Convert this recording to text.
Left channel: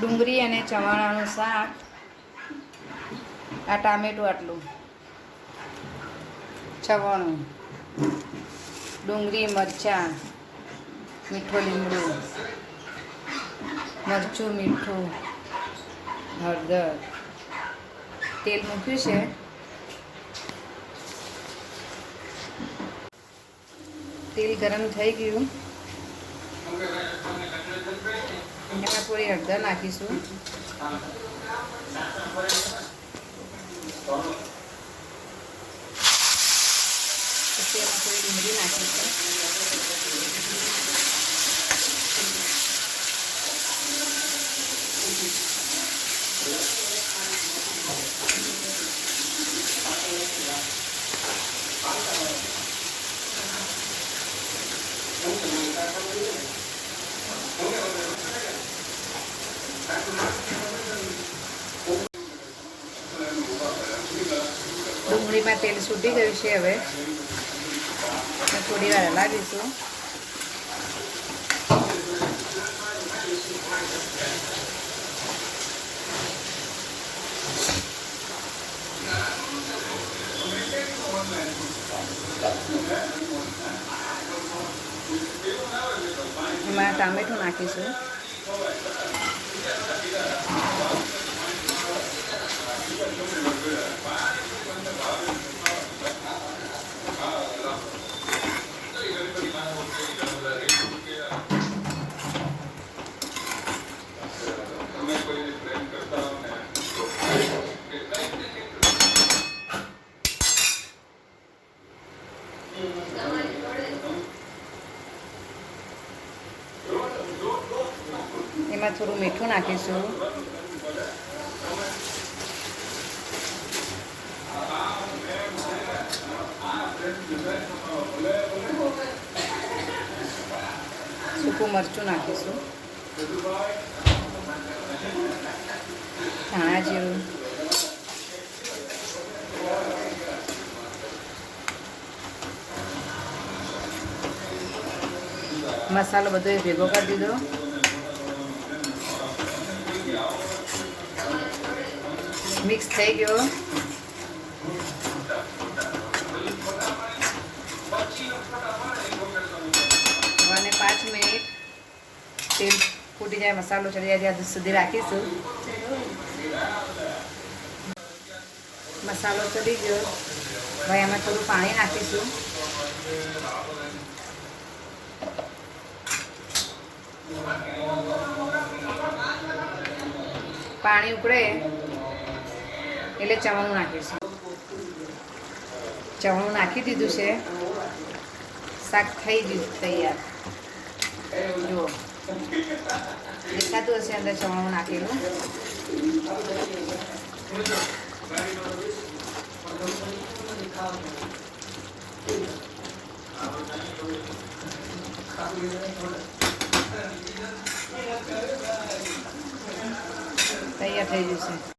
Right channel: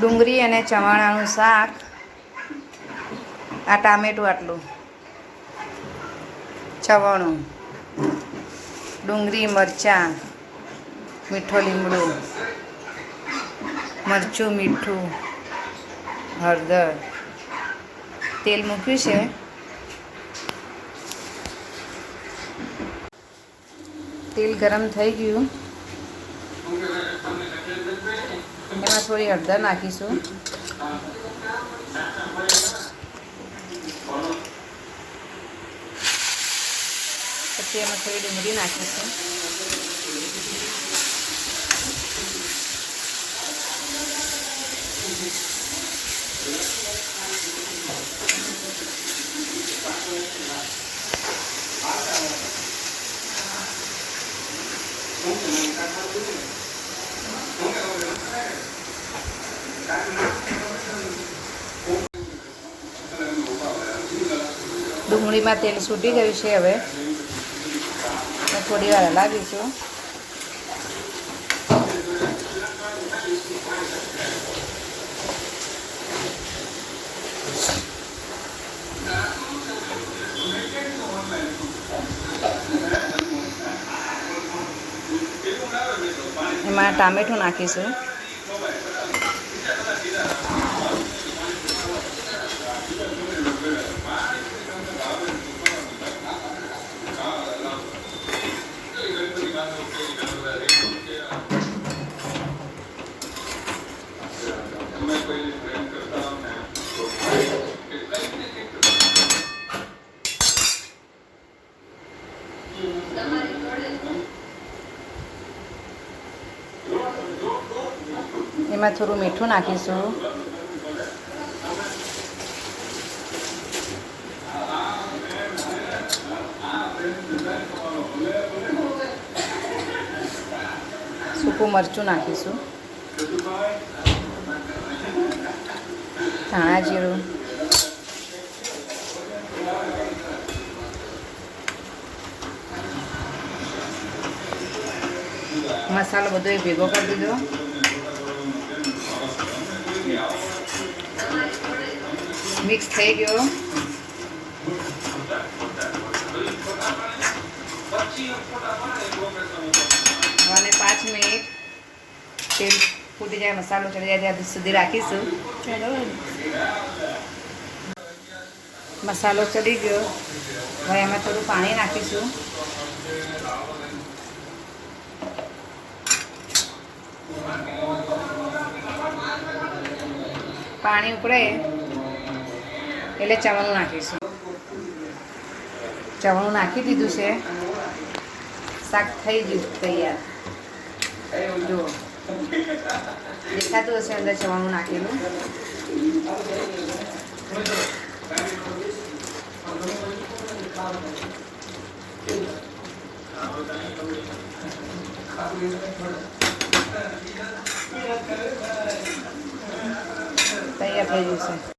ડુંગળી અને ચવાણાનું શાક. આ ટામેટું આટલું. ચવાણું. ડુંગળી, મરચાં, મીઠો લીમડો, મરચું, મીઠું, હળદર. તેલ મૂક્યું છે. તેલ ગરમ થઈ ગયું. એમાં થોડી હળદર નાખીશું. પછી એમાં થોડી ડુંગળી નાખીશું. ડુંગળીમાં તેલ છૂટી ગયું છે હવે. થોડી વાર હલાવીશું. એમાં ટામેટું નાખીશું. એમાં થોડું મીઠું નાખીશું. સૂકું મરચું નાખીશું. ધાણા જીરું. મસાલો બધો ભેગો કરી દીધો. મિક્સ થઈ ગયો અને પાંચ મિનિટ તેલ ફૂટી જાય, મસાલો ચડી જાય, ત્યાં સુધી રાખીશું. મસાલો ચડી ગયો. હવે એમાં થોડું પાણી નાખીશું. પાણી ઉકળે એટલે ચવાણું નાખીશું. ચવાણું નાખી દીધું છે. શાક થઈ ગયું, તૈયાર. જુઓ. દેખાતું હશે અંદર ચવાણું નાખેલું. તૈયાર થઈ છે.